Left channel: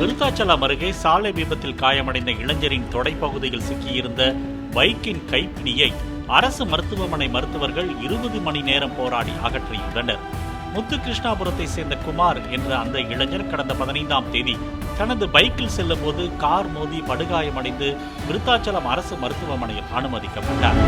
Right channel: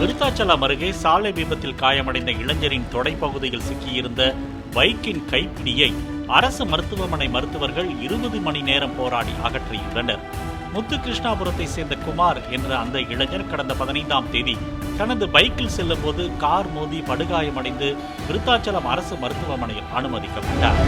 விருத்தாச்சலம் அருகே சாலை விபத்தில் காயமடைந்த இளைஞரின் தொடைப்பகுதியில் சிக்கியிருந்த பைக்கின் கைப்பிடியை அரசு மருத்துவமனை மருத்துவர்கள் 20 மணி நேரம் போராடி அகற்றியுள்ளனர். முத்துகிருஷ்ணாபுரத்தை சேர்ந்த குமார் என்ற அந்த இளைஞர் கடந்த 15ஆம் தேதி தனது பைக்கில் செல்லும் போது கார் மோதி படுகாயமடைந்து விருத்தாச்சலம் அரசு மருத்துவமனையில் அனுமதிக்கப்பட்டார்.